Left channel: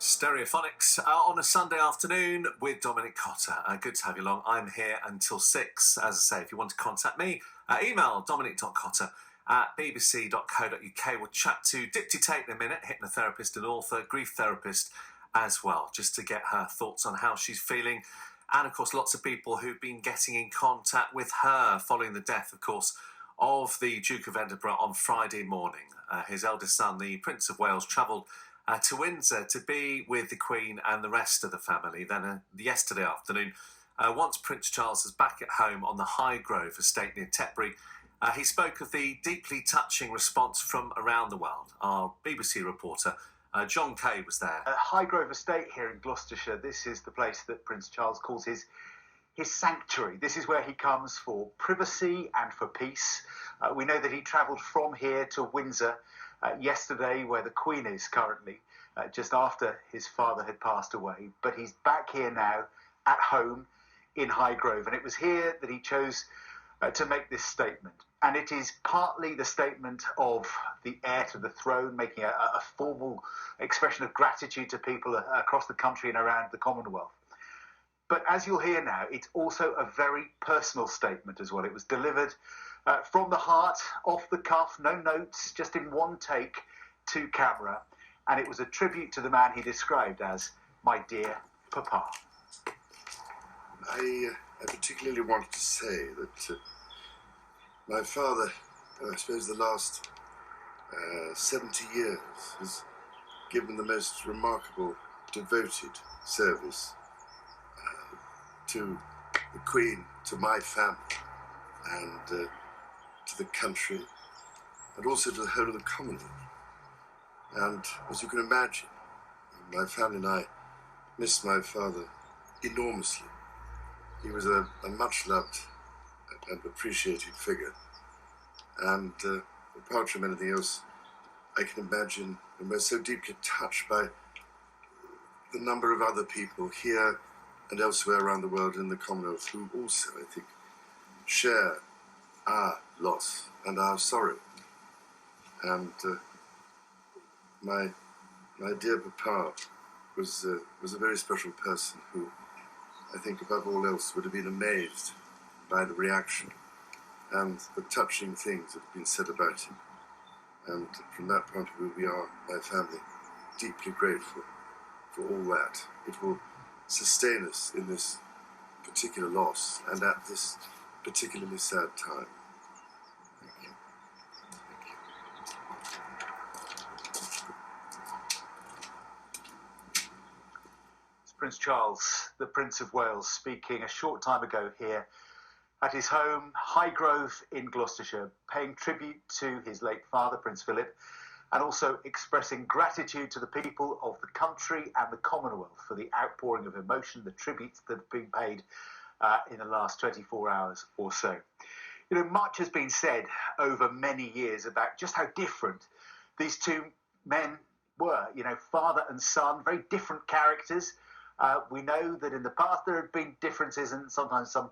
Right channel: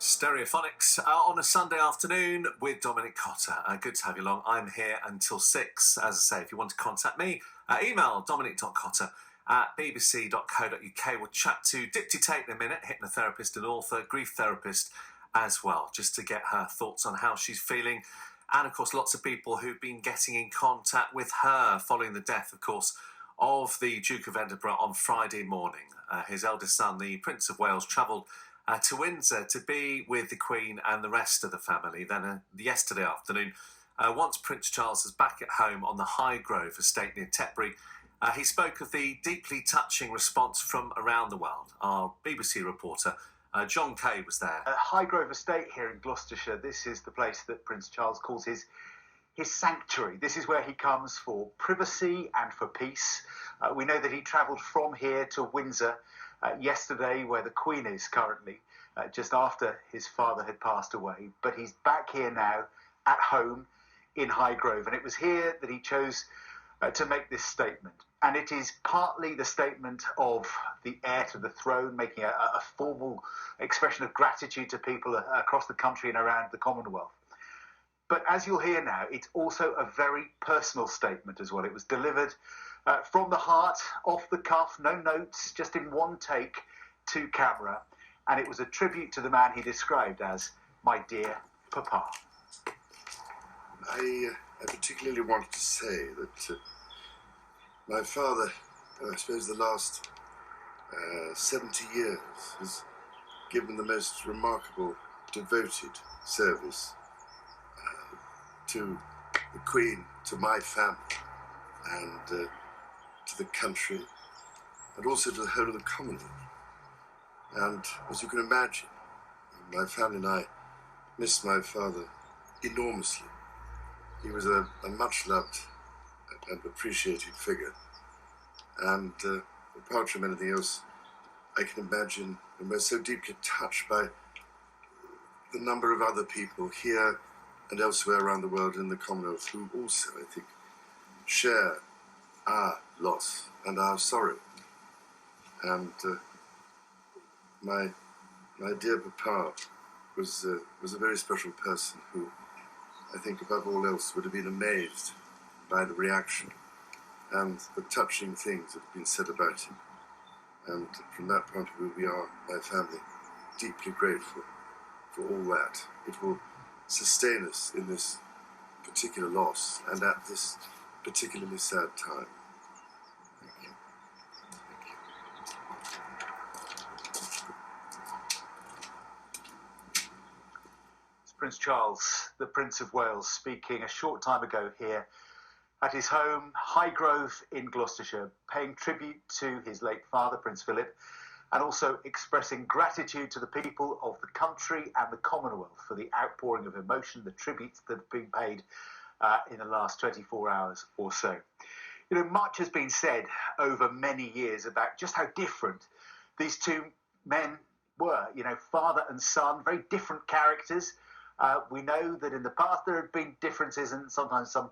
Stereophonics on a Sunday afternoon with Dominic Cotter. Good to have you along. I'm here until 6. As I say, if you want to contact me, email dominic.cotter@bbc.co.uk. We'll chat to Dipti Tait in a minute, hypnotherapist and author, grief therapist as well, just to get her thoughts on how she's feeling. And, of course, lots of people who've been getting in contact with her following the death, of course, of the Duke of Edinburgh on Friday morning. His eldest son, the Prince of Wales, travelled to Windsor to be with the Queen and the rest of the family. Then yesterday afternoon, once Prince Charles was back at home on the Highgrove estate near Tetbury, he spoke of the deeply touching response from around the world. Our BBC reporter, John Kay, was there. Highgrove estate here in Gloucestershire. This is the place that Prince Charles calls his sanctuary. This is where he comes for privacy and for peace. We know that he travelled from here to Windsor yesterday, where the Queen is currently, just after his father had passed away. But he's back here now at home in Highgrove, and it was here that he chose to make this statement. And it is partly the statement of the heir to the throne, making a formal expression of gratitude to people across the country and around the Commonwealth. But as you'll hear now, it's also a very personal statement as well. It was delivered from the heart, off the cuff, no notes, just in one take to camera. And it was a tribute to the man he described as my dear Papa. I particularly wanted to say that my father, I suppose the last 70 years, has given the most remarkable, devoted service to the Queen, to my family, and to the country, and also to the whole of the Commonwealth. And as you can imagine, my family and I miss my father enormously. He was a much-loved and appreciated figure. And apart from anything else, I can imagine, and we're so deeply touched by the number of other people here and elsewhere around the world in the Commonwealth who also, I think, share our loss and our sorrow. And my dear Papa was a very special person who, I think above all else, would have been amazed by the reaction and the touching things that have been said about him. And from that point of view, we are, my family, deeply grateful for all that. It will sustain us in this particular loss and at this particularly sad time. Thank you. Thank you. It's Prince Charles, the Prince of Wales, speaking a short time ago here at his home, Highgrove in Gloucestershire, paying tribute to his late father, Prince Philip, and also expressing gratitude to the people of the country and the Commonwealth for the outpouring of emotion, the tributes that have been paid in the last 24 hours or so. You know, much has been said over many years about just how different these two men were. You know, father and son, very different characters. We know that in the past there have been differences and sometimes some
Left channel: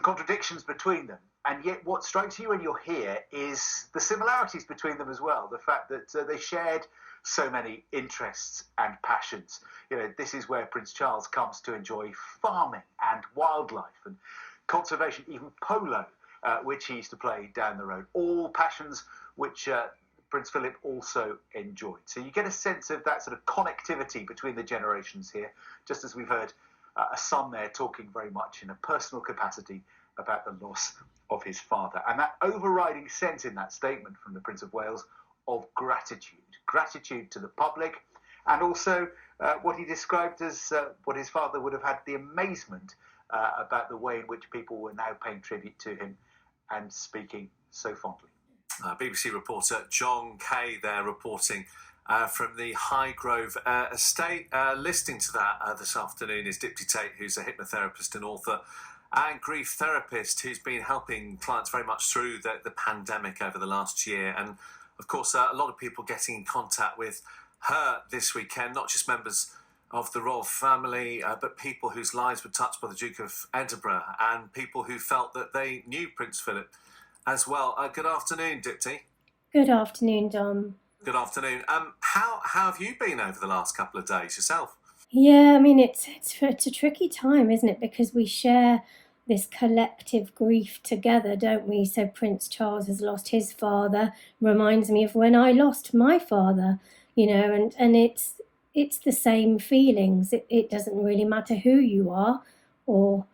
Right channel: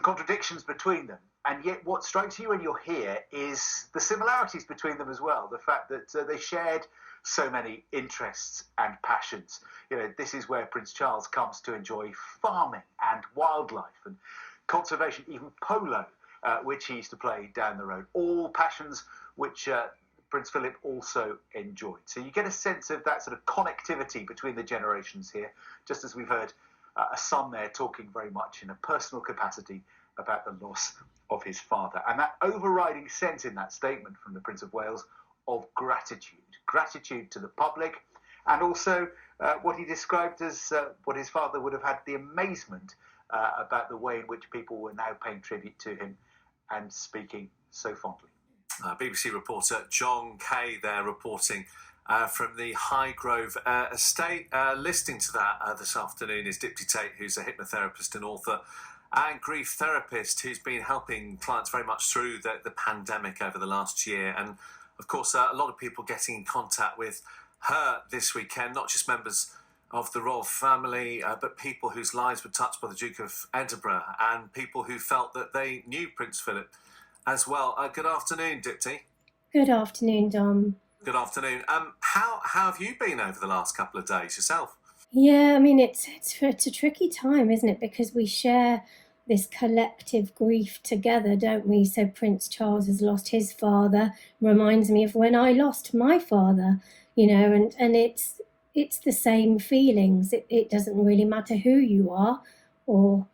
contradictions between them. And yet what strikes you when you're here is the similarities between them as well. The fact that they shared so many interests and passions. You know, this is where Prince Charles comes to enjoy farming and wildlife and conservation, even polo, which he used to play down the road. All passions which Prince Philip also enjoyed. So you get a sense of that sort of connectivity between the generations here, just as we've heard a son there talking very much in a personal capacity about the loss of his father. And that overriding sense in that statement from the Prince of Wales of gratitude to the public, and also what he described as what his father would have had the amazement about the way in which people were now paying tribute to him and speaking so fondly. BBC reporter John Kay there reporting from the Highgrove estate. Listening to that this afternoon is Dipti Tait, who's a hypnotherapist and author and grief therapist who's been helping clients very much through the pandemic over the last year. And of course, a lot of people getting in contact with her this weekend, not just members of the royal family, but people whose lives were touched by the Duke of Edinburgh and people who felt that they knew Prince Philip as well. Good afternoon, Dipti. Good afternoon, Dom. Good afternoon. How have you been over the last couple of days yourself? Yeah, I mean it's a tricky time, isn't it? Because we share this collective grief together, don't we? So Prince Charles has lost his father, reminds me of when I lost my father, and it's the same feelings. It doesn't really matter who you are or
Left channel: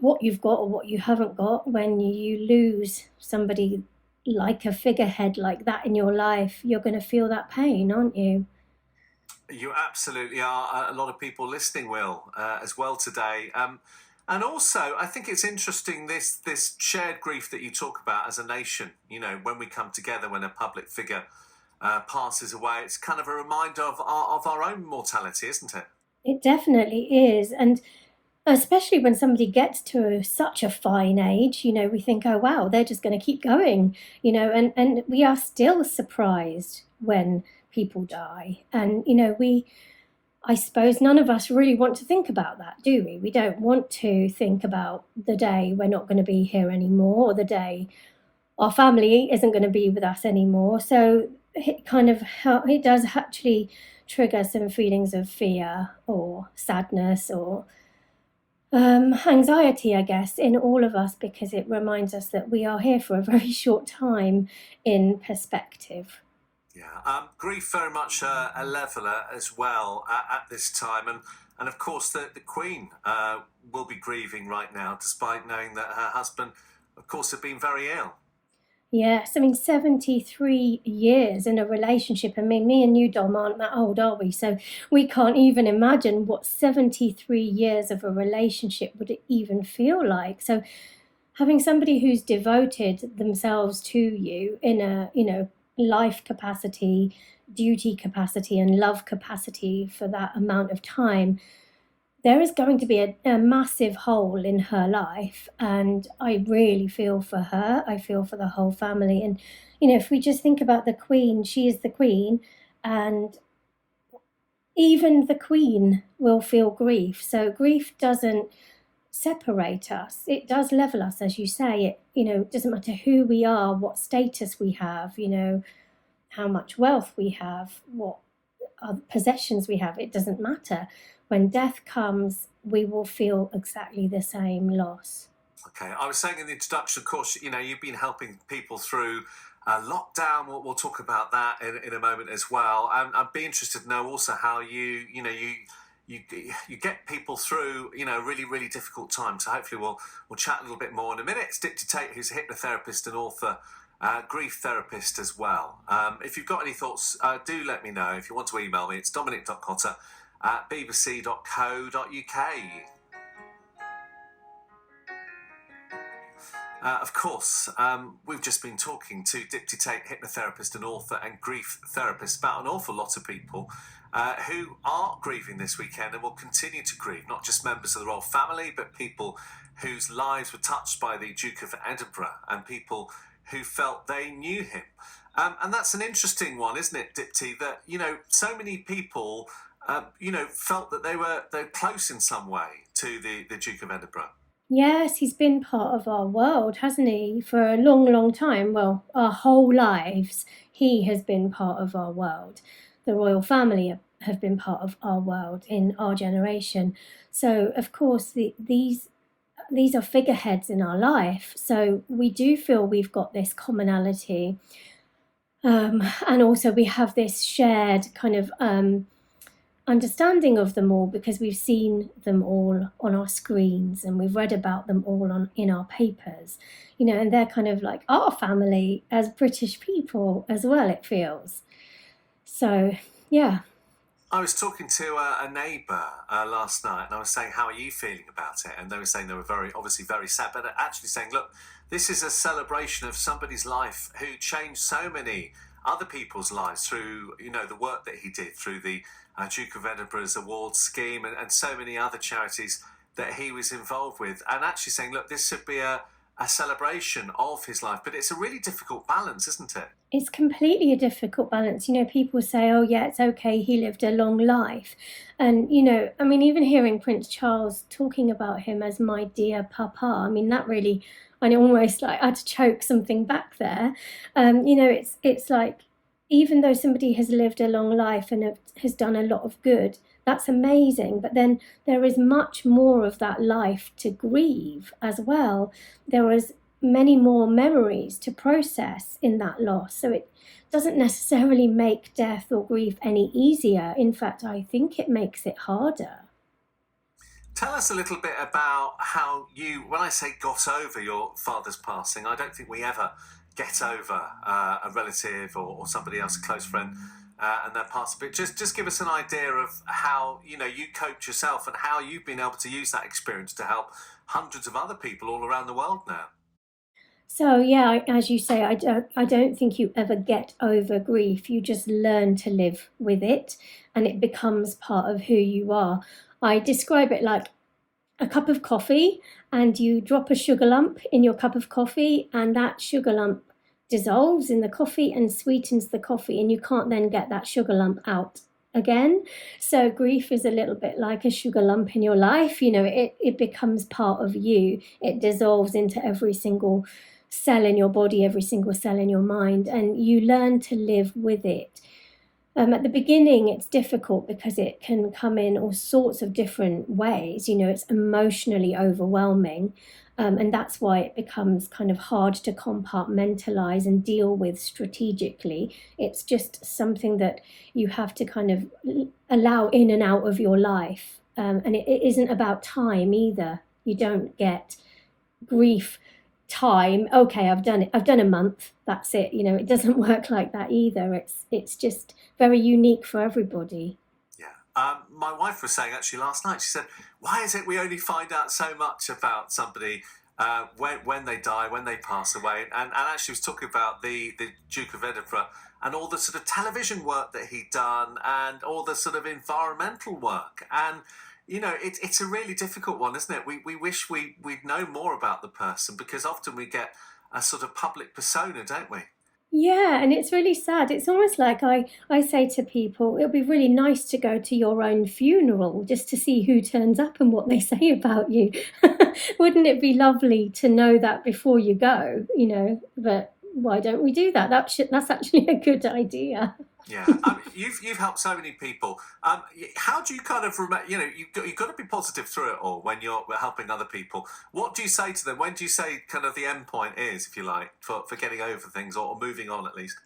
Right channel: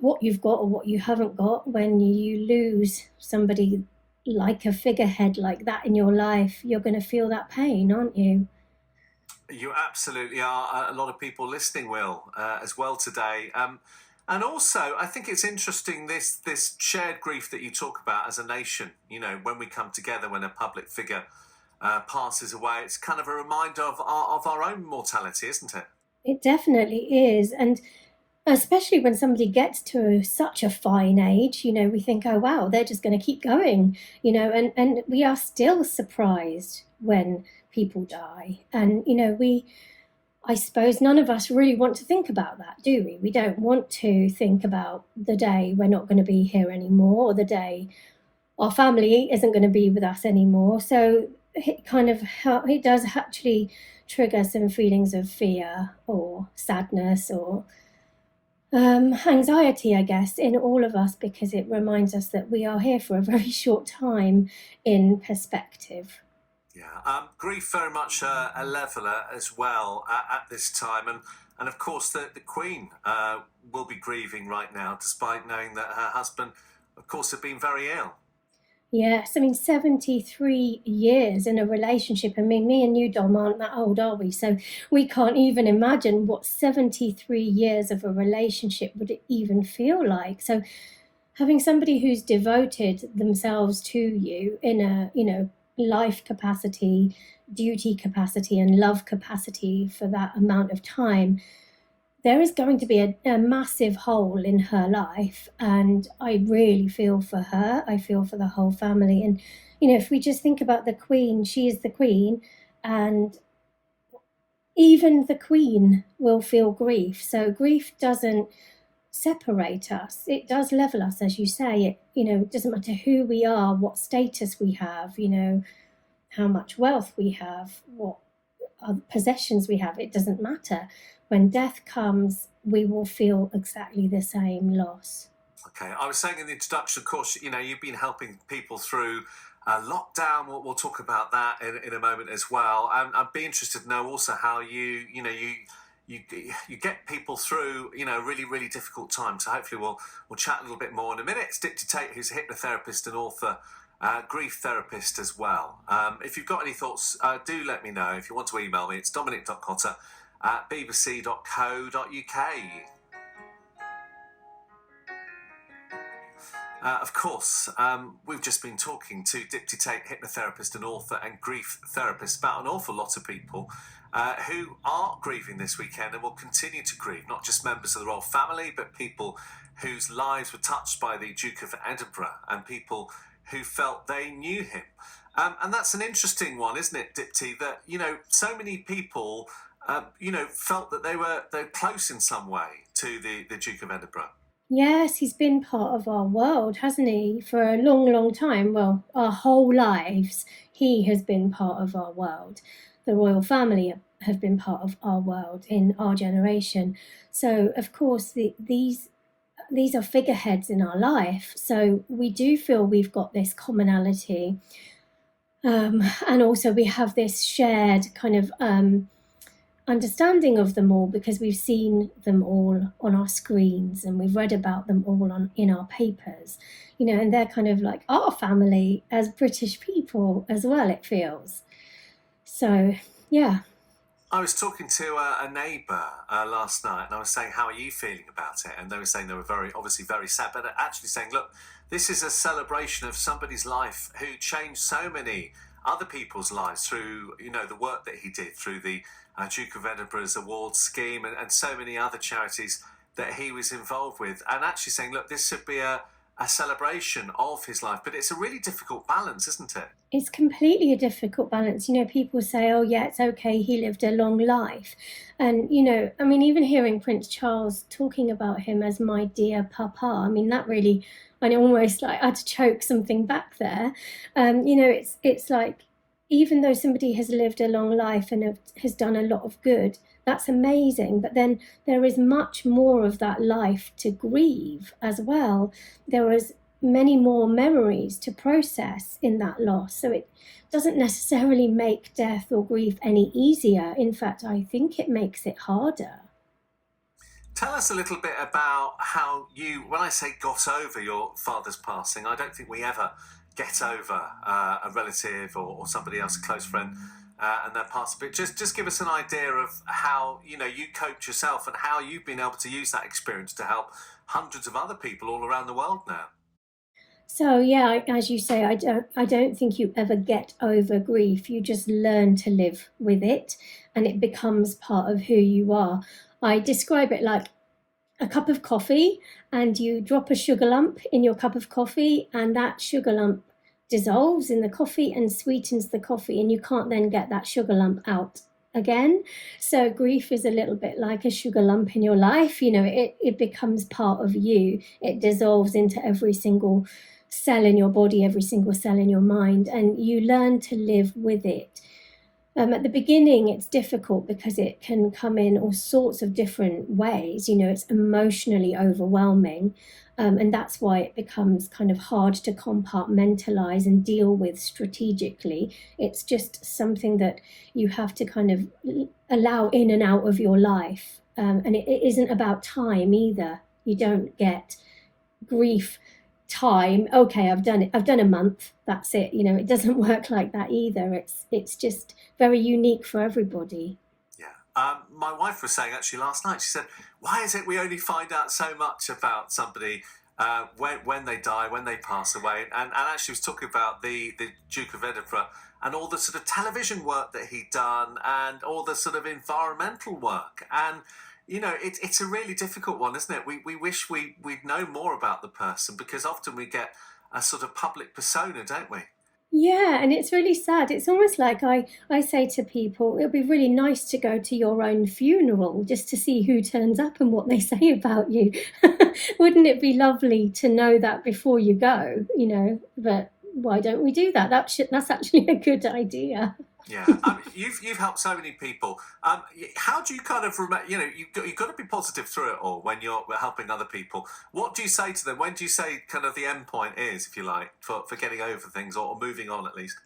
what you've got or what you haven't got. When you lose somebody like a figurehead like that in your life, you're going to feel that pain, aren't you? You absolutely are. A lot of people listening will as well today. And also, I think it's interesting this shared grief that you talk about as a nation. When we come together, when a public figure passes away, it's kind of a reminder of our own mortality, isn't it? It definitely is. And especially when somebody gets to such a fine age, we think, oh, wow, they're just going to keep going, and we are still surprised when people die. And, I suppose none of us really want to think about that, do we? We don't want to think about the day we're not going to be here anymore, or the day our family isn't going to be with us anymore. So it does actually trigger some feelings of fear or sadness or anxiety, I guess, in all of us, because it reminds us that we are here for a very short time in perspective. Yeah, grief very much a leveller as well at this time, and of course the Queen will be grieving right now, despite knowing that her husband, of course, had been very ill. Yes, I mean, 73 years in a relationship. I mean, me and you, Dom, aren't that old, are we? So we can't even imagine what 73 years of a relationship would even feel like. So having somebody who's devoted themselves to you in a, life capacity, duty capacity, and love capacity for that amount of time, there is going to be a massive hole in her life. And I really feel for her. I feel for the whole family. And, if we just think about the Queen, she is the Queen, and even the Queen will feel grief. So grief doesn't separate us. It does level us, as you say. It doesn't matter who we are, what status we have, how much wealth we have, what possessions we have. It doesn't matter. When death comes, we will feel exactly the same loss. Okay, I was saying in the introduction, of course, you've been helping people through lockdown. We'll talk about that in a moment as well. And I'd be interested to know also how you get people through, really, really difficult times. So hopefully we'll chat a little bit more in a minute. It's Dipti Tait, who's a hypnotherapist and author, grief therapist as well. If you've got any thoughts, do let me know. If you want to email me, it's dominic.cotter@bbc.co.uk. Of course, we've just been talking to Dipti Tait, hypnotherapist and author and grief therapist, about an awful lot of people who are grieving this weekend and will continue to grieve, not just members of the royal family, but people whose lives were touched by the Duke of Edinburgh and people who felt they knew him. And that's an interesting one, isn't it, Dipti, that, so many people, felt that they're close in some way to the Duke of Edinburgh. Yes, he's been part of our world, hasn't he, for a long, long time. Well, our whole lives, he has been part of our world. The royal family have been part of our world in our generation. So, of course, these are figureheads in our life. So we do feel we've got this commonality. And also we have this shared kind of understanding of them all, because we've seen them all on our screens and we've read about them all in our papers, and they're kind of like our family as British people as well, it feels. So, yeah. I was talking to a neighbour last night, and I was saying, how are you feeling about it? And they were saying they were obviously very sad, but actually saying, look, this is a celebration of somebody's life who changed so many other people's lives through, the work that he did through the Duke of Edinburgh's awards scheme and so many other charities that he was involved with. And actually saying, look, this should be a celebration of his life. But it's a really difficult balance, isn't it? It's completely a difficult balance. People say, oh, yeah, it's okay, he lived a long life. And, even hearing Prince Charles talking about him as my dear papa, that really, I almost I had to choke something back there. It's like, even though somebody has lived a long life and has done a lot of good, that's amazing. But then there is much more of that life to grieve as well. There is many more memories to process in that loss. So it doesn't necessarily make death or grief any easier. In fact, I think it makes it harder. Tell us a little bit about how you, when I say got over your father's passing, I don't think we ever get over a relative or somebody else, a close friend, and their passing. But just give us an idea of how, you coped yourself and how you've been able to use that experience to help hundreds of other people all around the world now. So yeah, as you say, I don't think you ever get over grief. You just learn to live with it, and it becomes part of who you are. I describe it like a cup of coffee, and you drop a sugar lump in your cup of coffee, and that sugar lump dissolves in the coffee and sweetens the coffee, and you can't then get that sugar lump out again. So grief is a little bit like a sugar lump in your life. It becomes part of you. It dissolves into every single cell in your body, every single cell in your mind, and you learn to live with it. At the beginning, it's difficult because it can come in all sorts of different ways. It's emotionally overwhelming, and that's why it becomes kind of hard to compartmentalize and deal with strategically. It's just something that you have to kind of allow in and out of your life, and it isn't about time either. You don't get grief time. Okay, I've done it. I've done a month. That's it. It doesn't work like that either. It's just very unique for everybody. Yeah. My wife was saying actually last night, she said, why is it we only find out so much about somebody when they die, when they pass away? And actually was talking about the Duke of Edinburgh and all the sort of television work that he'd done and all the sort of environmental work. And it's a really difficult one, isn't it? We wish we'd know more about the person because often we get a sort of public persona, don't we? Yeah, and it's really sad. It's almost like I say to people, it'll be really nice to go to your own funeral just to see who turns up and what they say about you. Wouldn't it be lovely to know that before you go, But why don't we do that? That's actually a good idea. Yeah, you've helped so many people. How do you kind of remember? You've got to be positive through it all when you're helping other people. What do you say to them? When do you say kind of the end point is, if you like, for getting over things or moving on at least?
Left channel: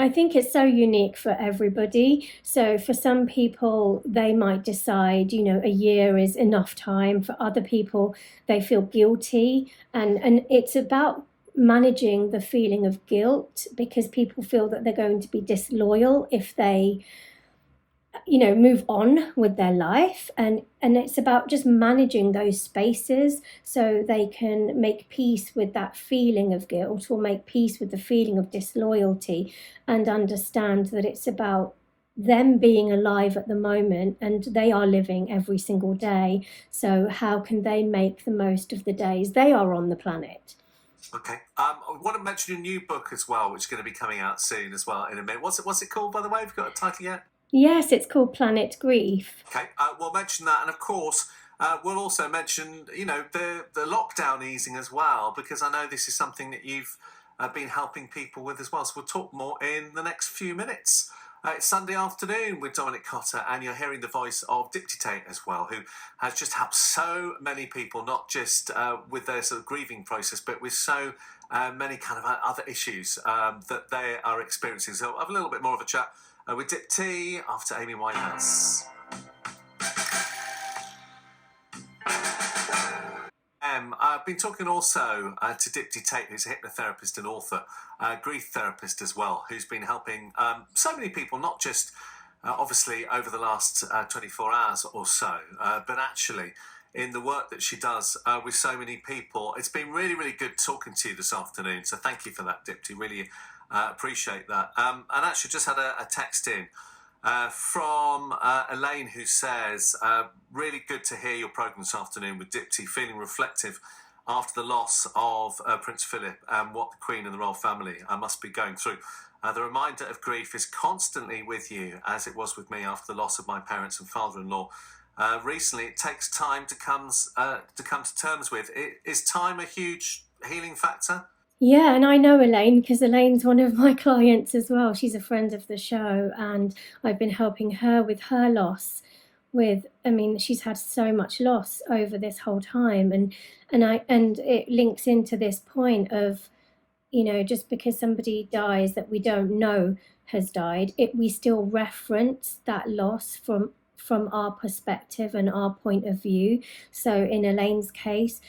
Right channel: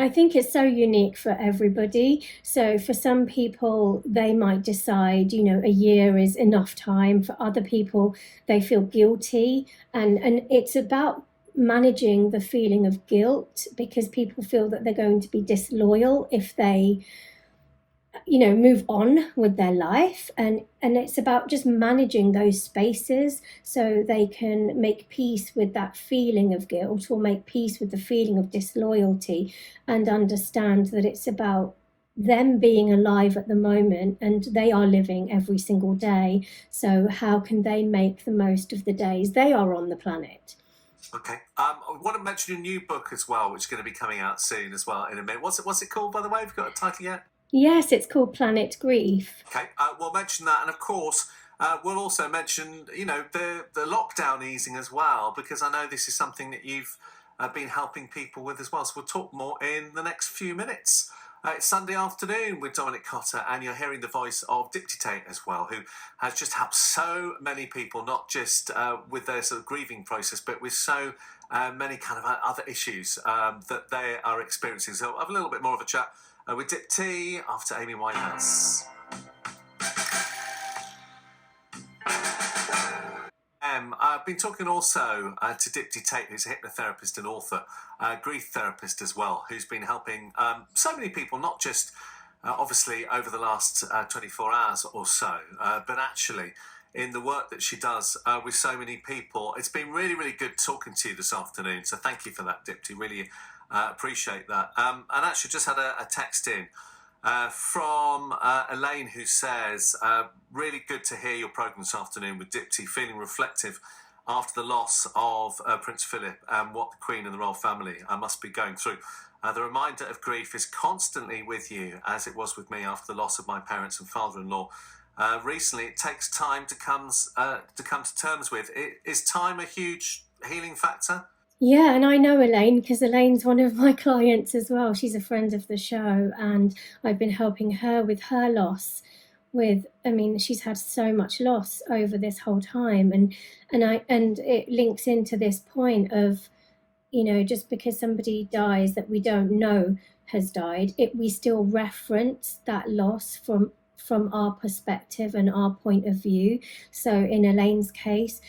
I think it's so unique for everybody. So for some people, they might decide, a year is enough time. For other people, they feel guilty, and it's about managing the feeling of guilt because people feel that they're going to be disloyal if they move on with their life, and it's about just managing those spaces so they can make peace with that feeling of guilt or make peace with the feeling of disloyalty and understand that it's about them being alive at the moment and they are living every single day. So how can they make the most of the days they are on the planet? Okay. I want to mention your new book as well, which is going to be coming out soon as well in a minute. What's it called, by the way? Have you got a title yet? Yes, it's called Planet Grief. Okay. We'll mention that, and of course, we'll also mention the lockdown easing as well, because I know this is something that you've been helping people with as well. So we'll talk more in the next few minutes. It's Sunday afternoon with Dominic Cotter, and you're hearing the voice of Dipti Tait as well, who has just helped so many people, not just with their sort of grieving process, but with so many kind of other issues that they are experiencing. So I'll have a little bit more of a chat with Dipti after Amy Winehouse. I've been talking also to Dipti Tait, who's a hypnotherapist and author, grief therapist as well, who's been helping so many people, not just obviously over the last 24 hours or so, but actually in the work that she does with so many people. It's been really, really good talking to you this afternoon. So thank you for that, Dipti. Really appreciate that. And actually just had a text in from Elaine, who says, really good to hear your programme this afternoon with Dipti, feeling reflective after the loss of Prince Philip and what the Queen and the royal family must be going through. The reminder of grief is constantly with you, as it was with me after the loss of my parents and father-in-law. Recently, it takes time to come to terms with. Is time a huge healing factor? Yeah, and I know Elaine because Elaine's one of my clients as well. She's a friend of the show, and I've been helping her with her loss. I mean, she's had so much loss over this whole time, and it links into this point of, just because somebody dies that we don't know has died, we still reference that loss from our perspective and our point of view. So in Elaine's case,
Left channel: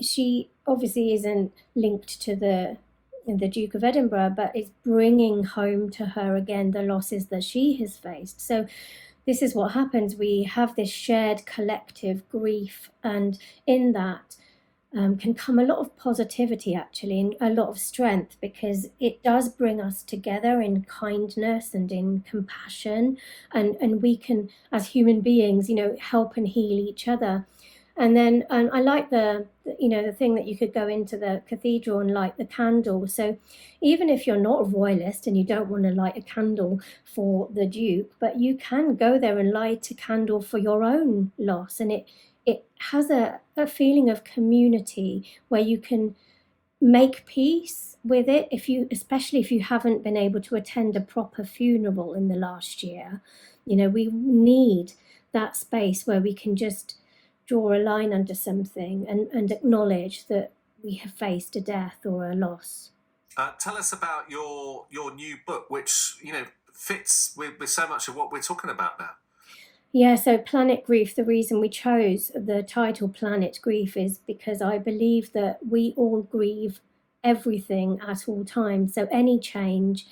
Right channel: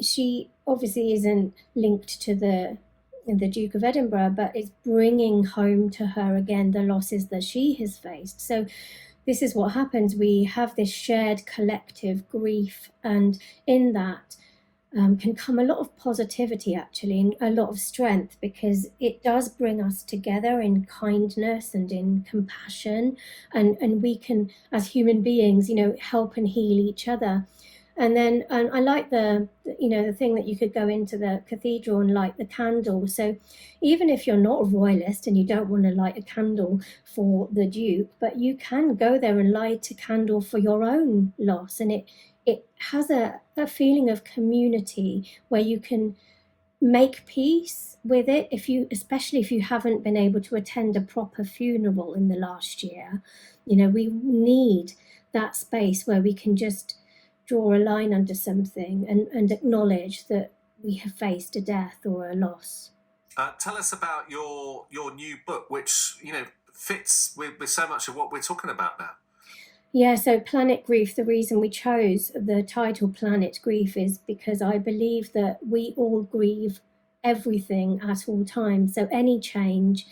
she obviously isn't linked to the Duke of Edinburgh, but it's bringing home to her again the losses that she has faced. So this is what happens. We have this shared collective grief, and in that can come a lot of positivity, actually, and a lot of strength, because it does bring us together in kindness and in compassion, and we can, as human beings, help and heal each other. And then I like the thing that you could go into the cathedral and light the candle. So even if you're not a royalist and you don't want to light a candle for the Duke, but you can go there and light a candle for your own loss. And it has a feeling of community where you can make peace with it, especially if you haven't been able to attend a proper funeral in the last year. We need that space where we can just draw a line under something and acknowledge that we have faced a death or a loss. Tell us about your new book, which fits with so much of what we're talking about now. Yeah, so Planet Grief, the reason we chose the title Planet Grief is because I believe that we all grieve everything at all times. So any change,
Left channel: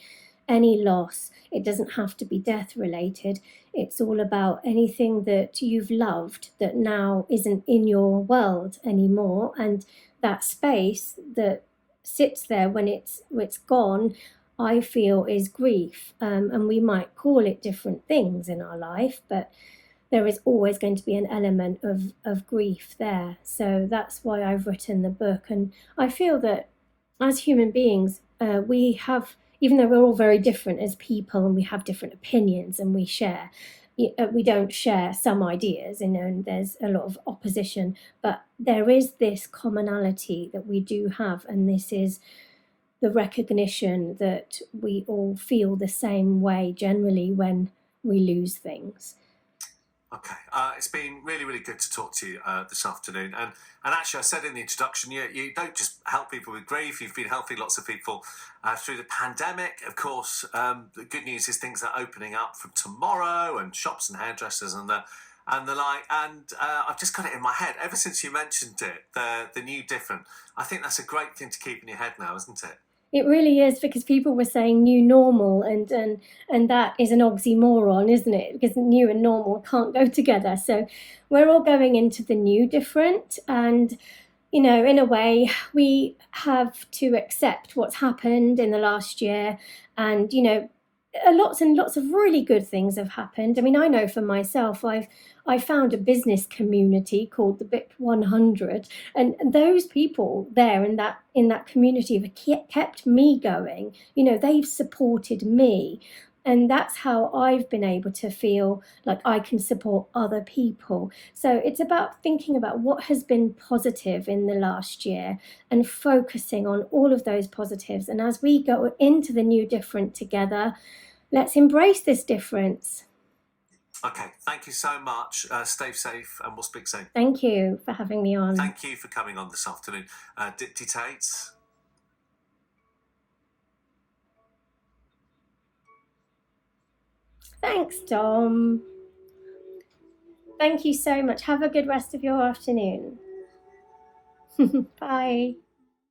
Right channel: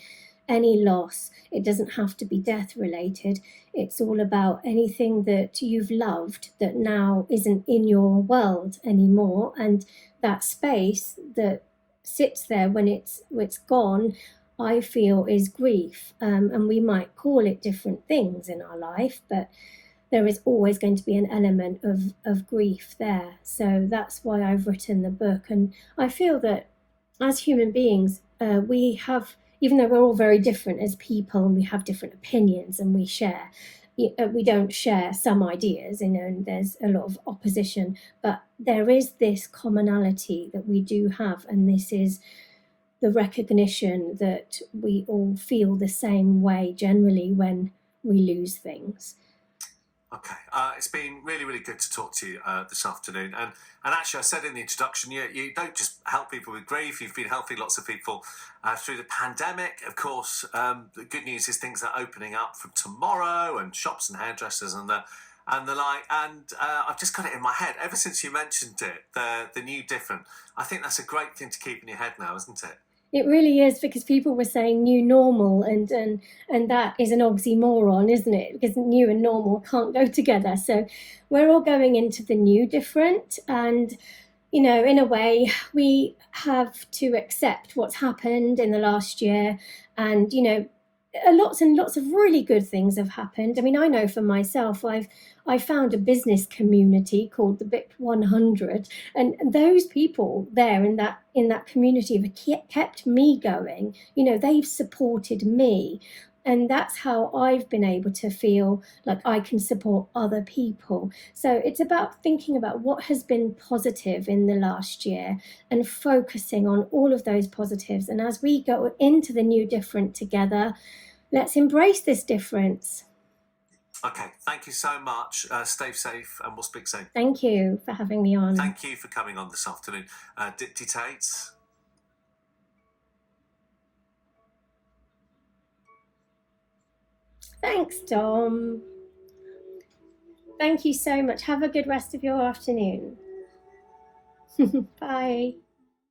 any loss, it doesn't have to be death related. It's all about anything that you've loved that now isn't in your world anymore. And that space that sits there when it's gone, I feel, is grief. And we might call it different things in our life, but there is always going to be an element of grief there. So that's why I've written the book. And I feel that as human beings, we have, even though we're all very different as people and we have different opinions and we don't share some ideas, and there's a lot of opposition, but there is this commonality that we do have, and this is the recognition that we all feel the same way generally when we lose things. Okay, it's been really, really good to talk to you this afternoon. And actually, I said in the introduction, you don't just help people with grief, you've been helping lots of people through the pandemic. Of course, the good news is things are opening up from tomorrow, and shops and hairdressers and the like. And I've just got it in my head, ever since you mentioned it, the new different. I think that's a great thing to keep in your head now, isn't it? It really is, because people were saying new normal, and that is an oxymoron, isn't it? Because new and normal can't go together. So we're all going into the new different, and in a way, we have to accept what's happened in the last year, and lots and lots of really good things have happened. I mean, I know for myself, I found a business community called the BIP 100, and those people there in that community have kept me going. They've supported me, and that's how I've been able to feel like I can support other people. So it's about thinking about what has been positive in the last year and focusing on all of those positives. And as we go into the new different together, let's embrace this difference. Okay, thank you so much. Stay safe, and we'll speak soon. Thank you for having me on. Thank you for coming on this afternoon. Dipti Tait. Thanks, Dom. Thank you so much. Have a good rest of your afternoon. Bye.